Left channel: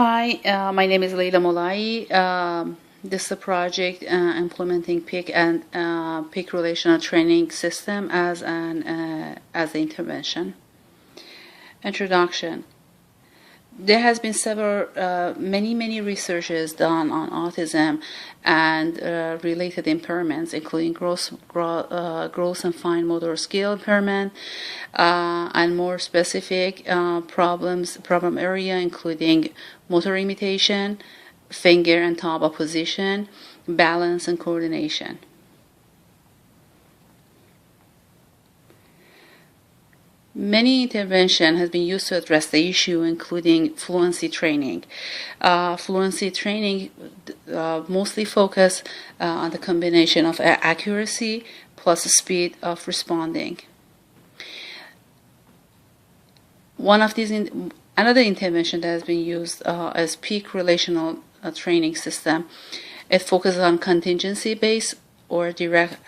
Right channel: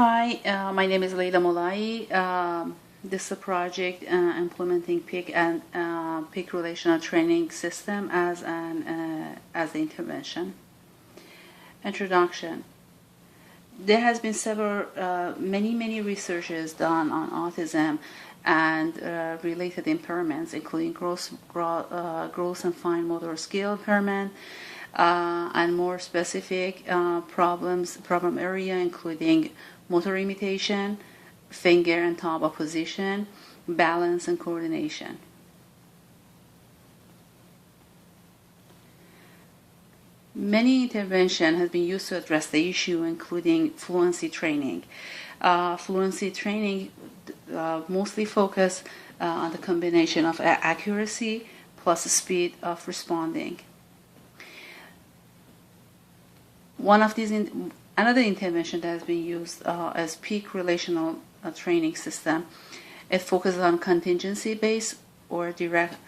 Hi, my name is Leila Molai. This is a project implementing PIC and PIC relational training system as the intervention. Introduction. There has been many researches done on autism and related impairments, including gross and fine motor skill impairment, and more specific problem area, including motor imitation, finger and thumb opposition, balance and coordination. Many intervention has been used to address the issue, including fluency training. Fluency training mostly focus on the combination of accuracy plus the speed of responding. Another intervention that has been used is PIC relational training system. It focuses on contingency-based or directly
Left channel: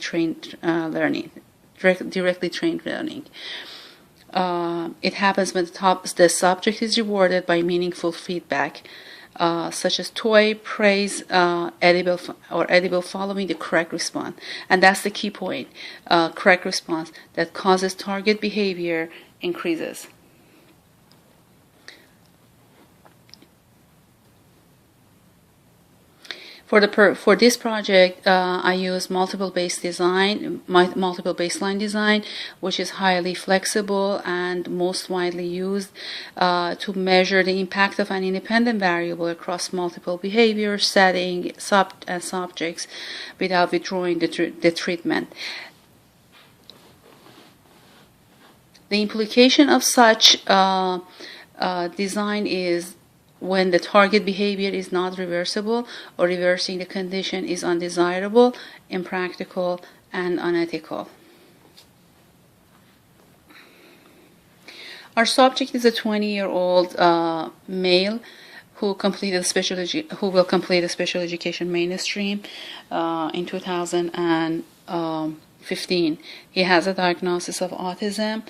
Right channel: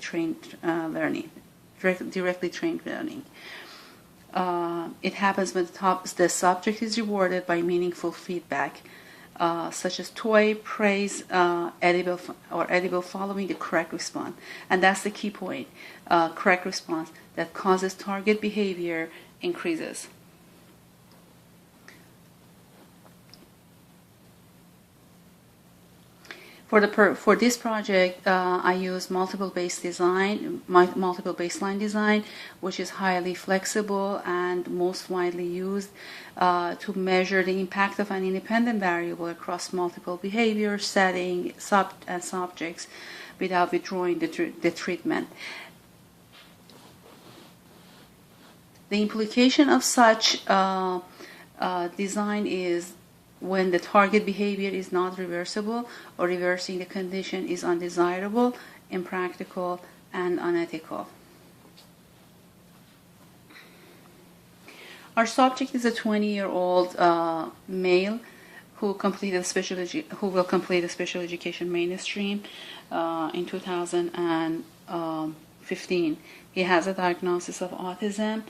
trained learning. Directly trained learning. It happens when the subject is rewarded by meaningful feedback, such as toy, praise, edible following the correct response. And that's the key point. Correct response that causes target behavior increases. For this project, I use multiple baseline design, which is highly flexible and most widely used to measure the impact of an independent variable across multiple behaviors, settings, and subjects without withdrawing the treatment. The implication of such design is when the target behavior is not reversible or reversing the condition is undesirable, impractical, and unethical. Our subject is a 20-year-old male who will complete a special education mainstream in 2015. He has a diagnosis of autism.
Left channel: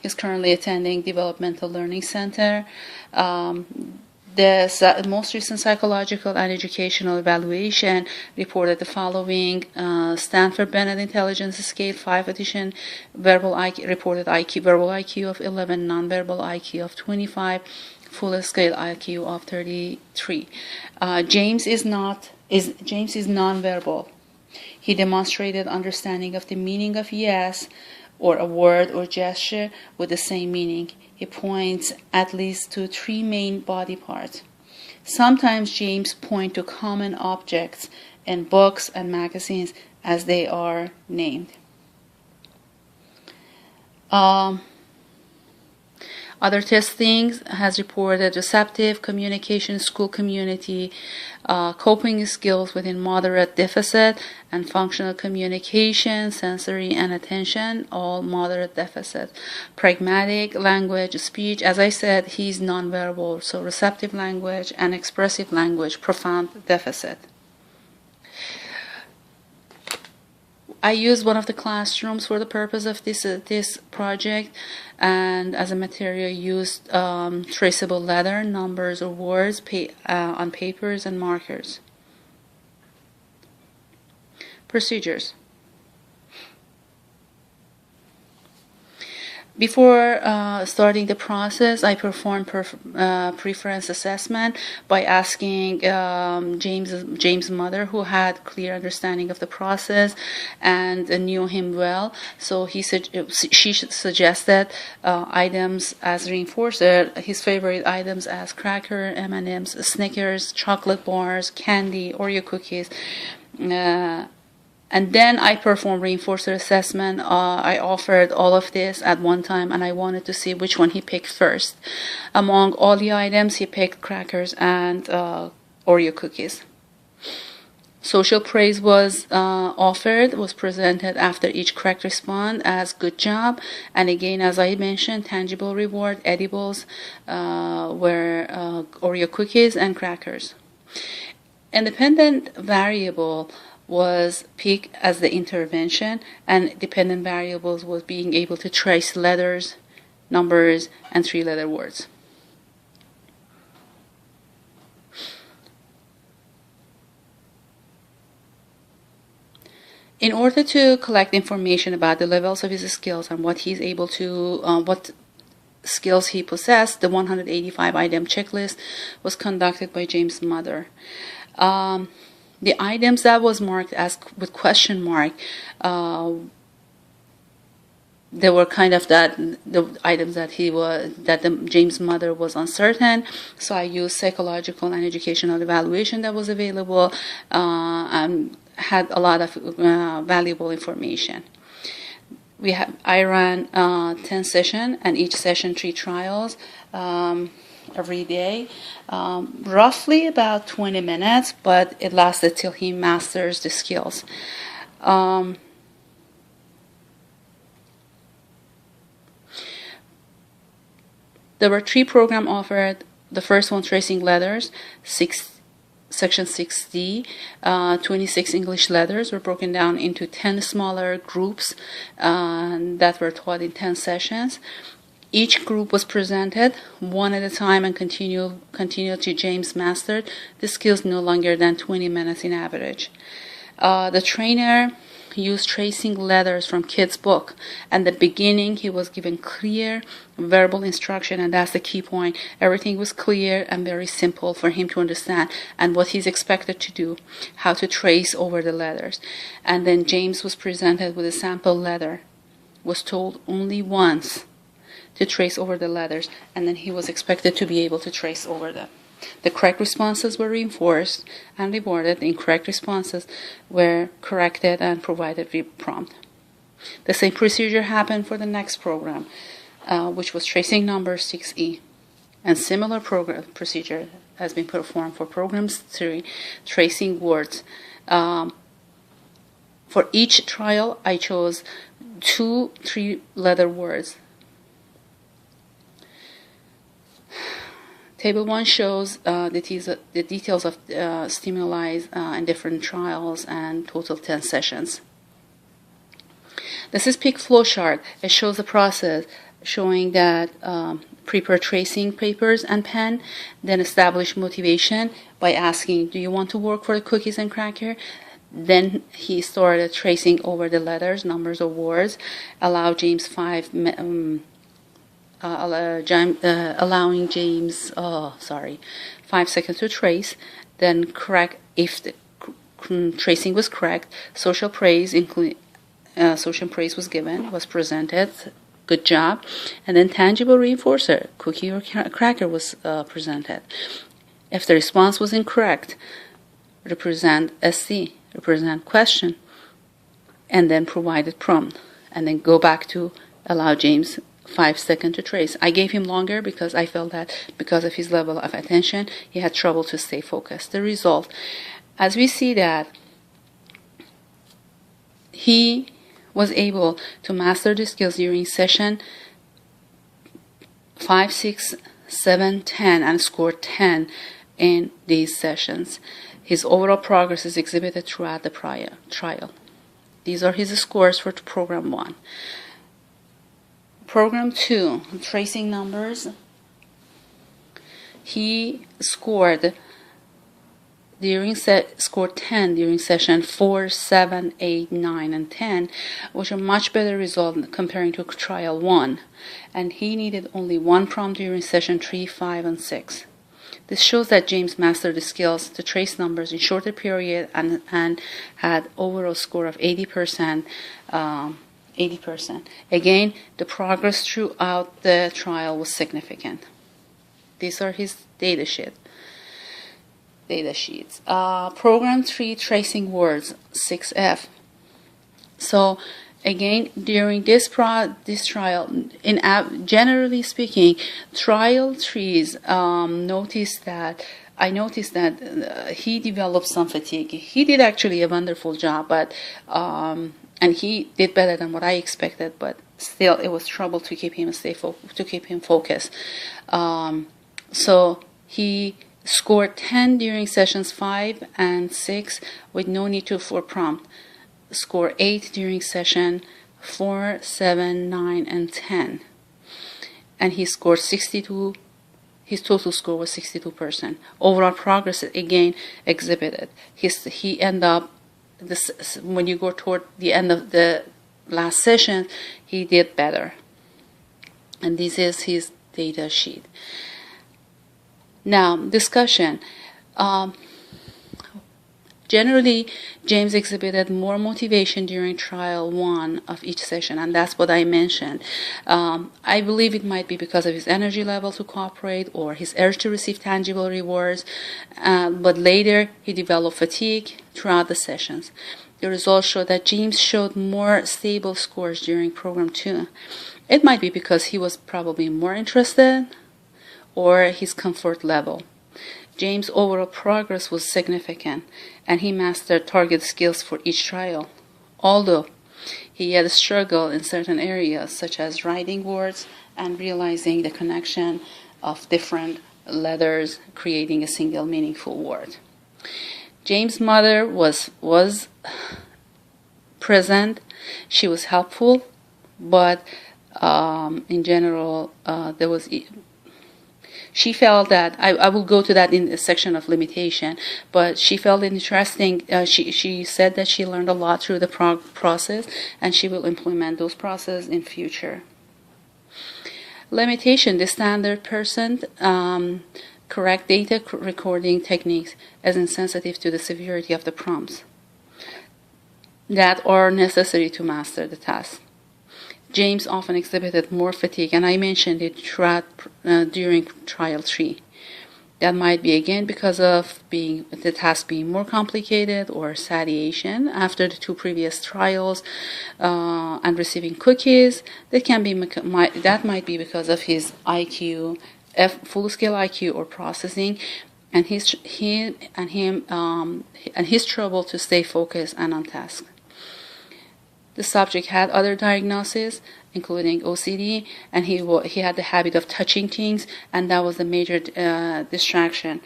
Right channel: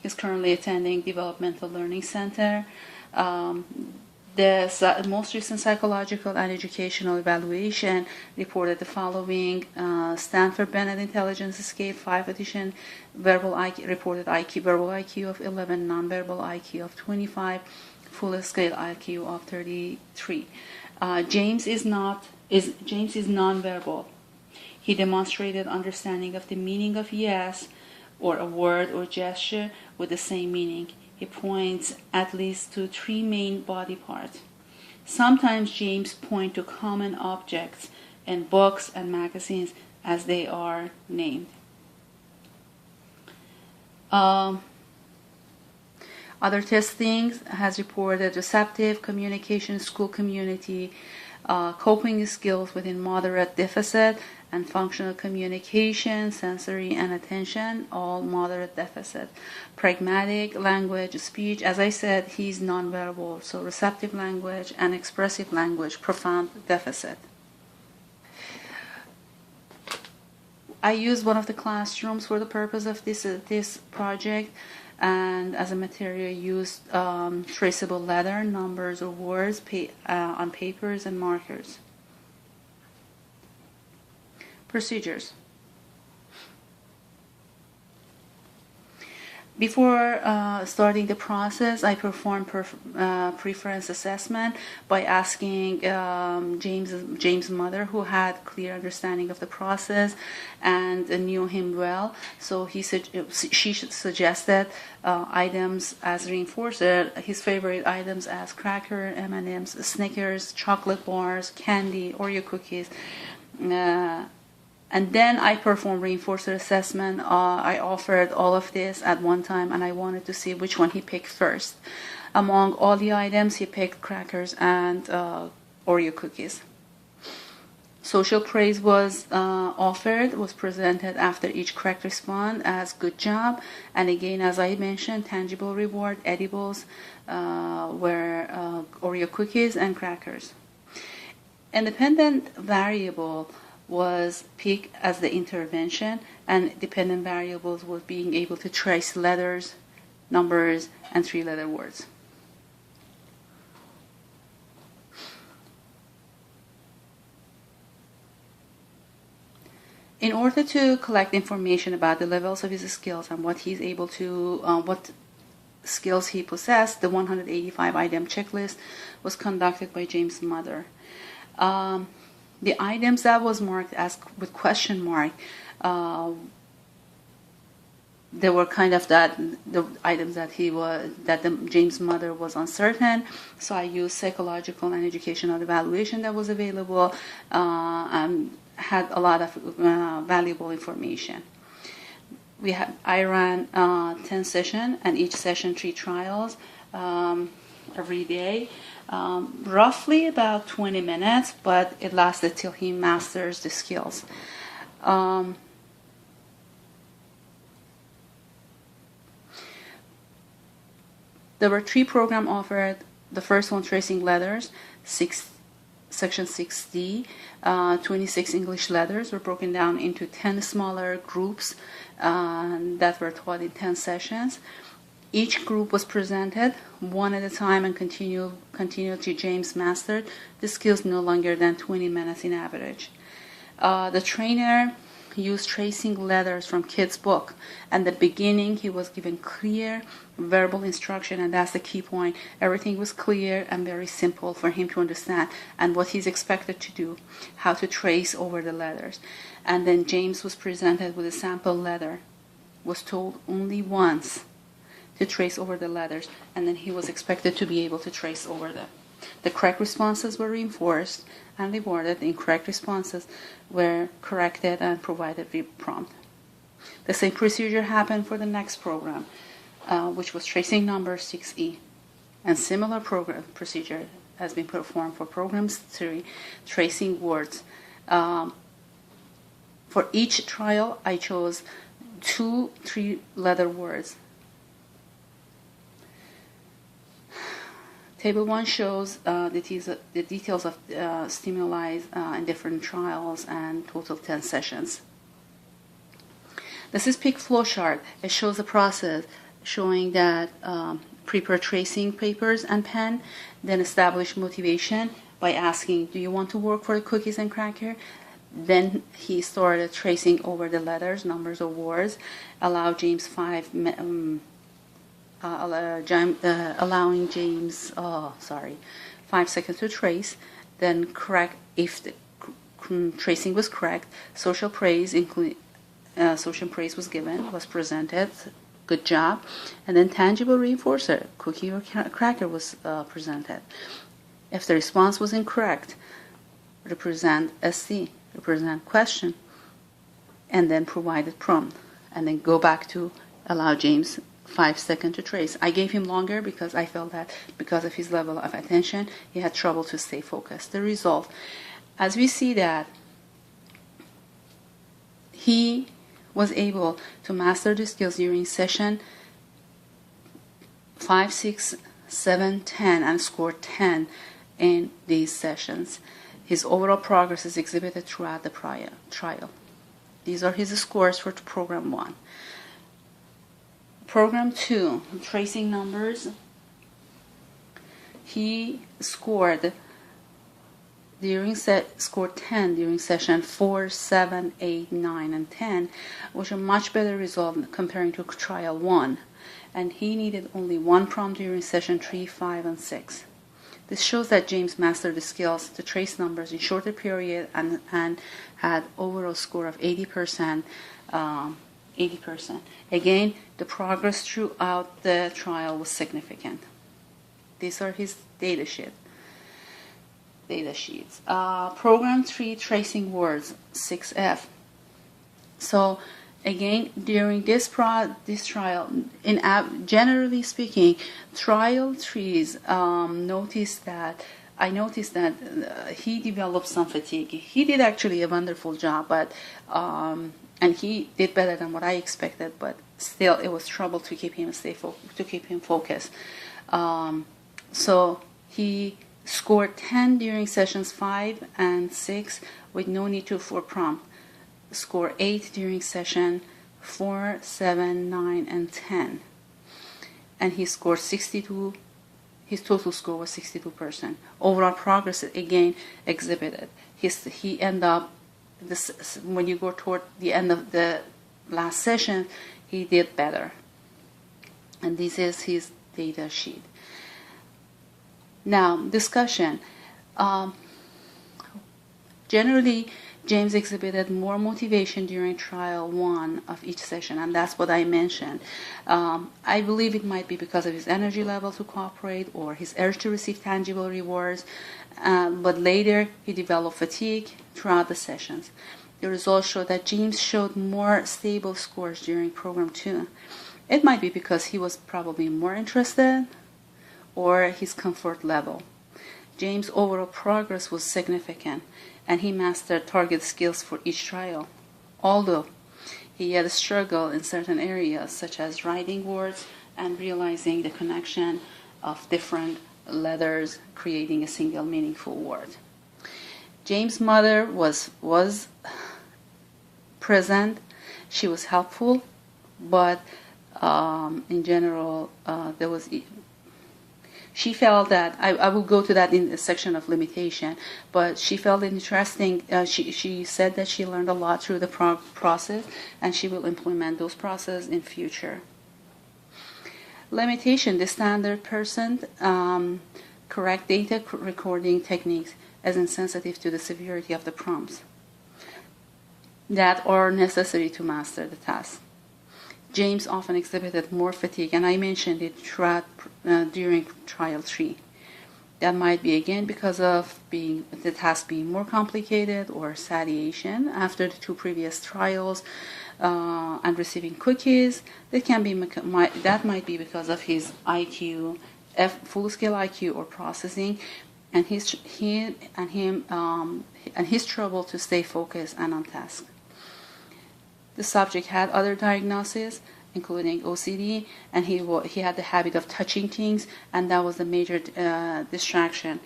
He's currently attending Developmental Learning Center. The most recent psychological and educational evaluation reported the following: Stanford Bennett Intelligence Scale 5 edition, verbal IQ of 11, nonverbal IQ of 25, full scale IQ of 33. James is nonverbal. He demonstrated understanding of the meaning of yes or a word or gesture with the same meaning. He points at least to 3 main body parts. Sometimes James points to common objects in books and magazines as they are named. Other testings has reported receptive communication, school community, coping skills within moderate deficit, and functional communication, sensory and attention, all moderate deficit. Pragmatic language, speech, as I said, he's nonverbal, so receptive language and expressive language, profound deficit. I used one of the classrooms for the purpose of this project, and as a material used traceable letter, numbers, or words on papers and markers. Procedures. Before starting the process, I performed preference assessment by asking James' mother, who had clear understanding of the process and knew him well. So she suggested items as reinforcer, his favorite items as cracker, M&Ms, Snickers, chocolate bars, candy, Oreo cookies. And then I performed reinforcer assessment. I offered all of this at one time, and I wanted to see which one he picked first. Among all the items, he picked crackers and Oreo cookies. Social praise was presented after each correct response as good job. And again, as I mentioned, tangible reward, edibles were Oreo cookies and crackers. Independent variable was PIC as the intervention, and dependent variables was being able to trace letters, numbers, and 3-letter words. In order to collect information about the levels of his skills and what he's able to, what skills he possessed, the 185-item checklist was conducted by James' mother. The items that was marked as with question mark, they were kind of the items that James' mother was uncertain. So I used psychological and educational evaluation that was available, and had a lot of valuable information. I ran 10 sessions, and each session 3 trials every day, roughly about 20 minutes, but it lasted till he masters the skills. There were 3 programs offered. The first one, tracing letters, Section 6D, 26 English letters were broken down into 10 smaller groups that were taught in 10 sessions. Each group was presented one at a time and continued to James mastered the skills no longer than 20 minutes in average. The trainer used tracing letters from Kid's book. At the beginning, he was given clear verbal instruction, and that's the key point. Everything was clear and very simple for him to understand, and what he's expected to do, how to trace over the letters. And then James was presented with a sample letter, was told only once to trace over the letters, and then he was expected to be able to trace over them. The correct responses were reinforced and rewarded. The incorrect responses were corrected and provided prompt. The same procedure happened for the next program, which was tracing number 6E. And similar procedure has been performed for programs 3, tracing words. For each trial, I chose 2 3-letter words. Table 1 shows the details of stimuli in different trials and total 10 sessions. This is PIC flowchart. It shows the process showing that prepare tracing papers and pen, then establish motivation by asking, do you want to work for the cookies and cracker? Then he started tracing over the letters, numbers, or words, allowing James 5 seconds to trace, then correct if the tracing was correct. Social praise was given, was presented, good job, and then tangible reinforcer, cookie or cracker, was presented. If the response was incorrect, represent SC, represent question, and then provided prompt, and then go back to allow James 5 seconds to trace. I gave him longer because I felt that because of his level of attention, he had trouble to stay focused. The result, as we see that he was able to master the skills during session 5, 6, 7, 10 and scored 10 in these sessions. His overall progress is exhibited throughout the trial. These are his scores for program 1. Program 2, tracing numbers, he scored 10 during session 4, 7, 8, 9, and 10, which are much better result comparing to trial 1. And he needed only 1 prompt during session 3, 5, and 6. This shows that James mastered the skills to trace numbers in shorter period and had overall score of 80%. 80%. Again, the progress throughout the trial was significant. These are his data sheets. Program 3, tracing words, 6F. So again, during this trial, generally speaking, trial 3s, I noticed that he developed some fatigue. He did actually a wonderful job, but and he did better than what I expected, but still it was trouble to keep him focused. So he scored 10 during sessions 5 and 6 with no need for prompt. Score 8 during session 4, 7, 9, and 10. and he scored 62. His total score was 62%. Overall progress again exhibited. He ended up this when you go toward the end of the last session, he did better. And this is his data sheet. Now, discussion. Generally, James exhibited more motivation during trial 1 of each session, and that's what I mentioned. I believe it might be because of his energy level to cooperate or his urge to receive tangible rewards, but later he developed fatigue throughout the sessions. The results show that James showed more stable scores during program 2. It might be because he was probably more interested or his comfort level. James' overall progress was significant, and he mastered target skills for each trial, although he had struggled in certain areas, such as writing words and realizing the connection of different letters, creating a single meaningful word. James' mother was present. She was helpful, but in general, she felt that, I will go to that in the section of limitation, but she felt interesting. She said that she learned a lot through the process, and she will implement those processes in future. Limitation, the standard person, correct data recording techniques as insensitive to the severity of the prompts that are necessary to master the task. James often exhibited more fatigue, and I mentioned it during trial 3. That might be again because of the task being more complicated or satiation after the 2 previous trials, and receiving cookies. That might be because of his IQ, full-scale IQ or processing, and his trouble to stay focused and on task. The subject had other diagnoses, including OCD, and he had the habit of touching things, and that was a major distraction.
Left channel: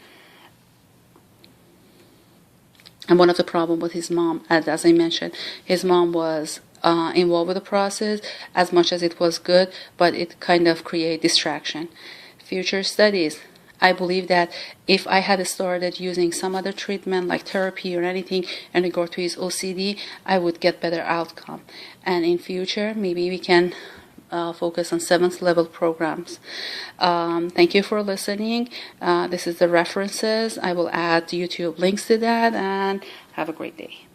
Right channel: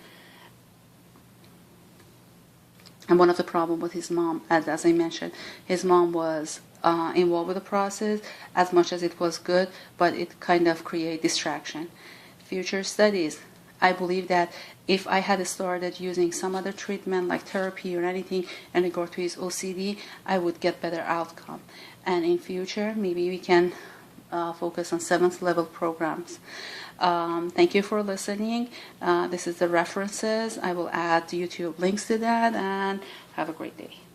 And one of the problems with his mom, as I mentioned, his mom was involved with the process as much as it was good, but it kind of created distraction. Future studies. I believe that if I had started using some other treatment like therapy or anything in regard to his OCD, I would get better outcome. And in future, maybe we can focus on 7th level programs. Thank you for listening. This is the references. I will add YouTube links to that, and have a great day.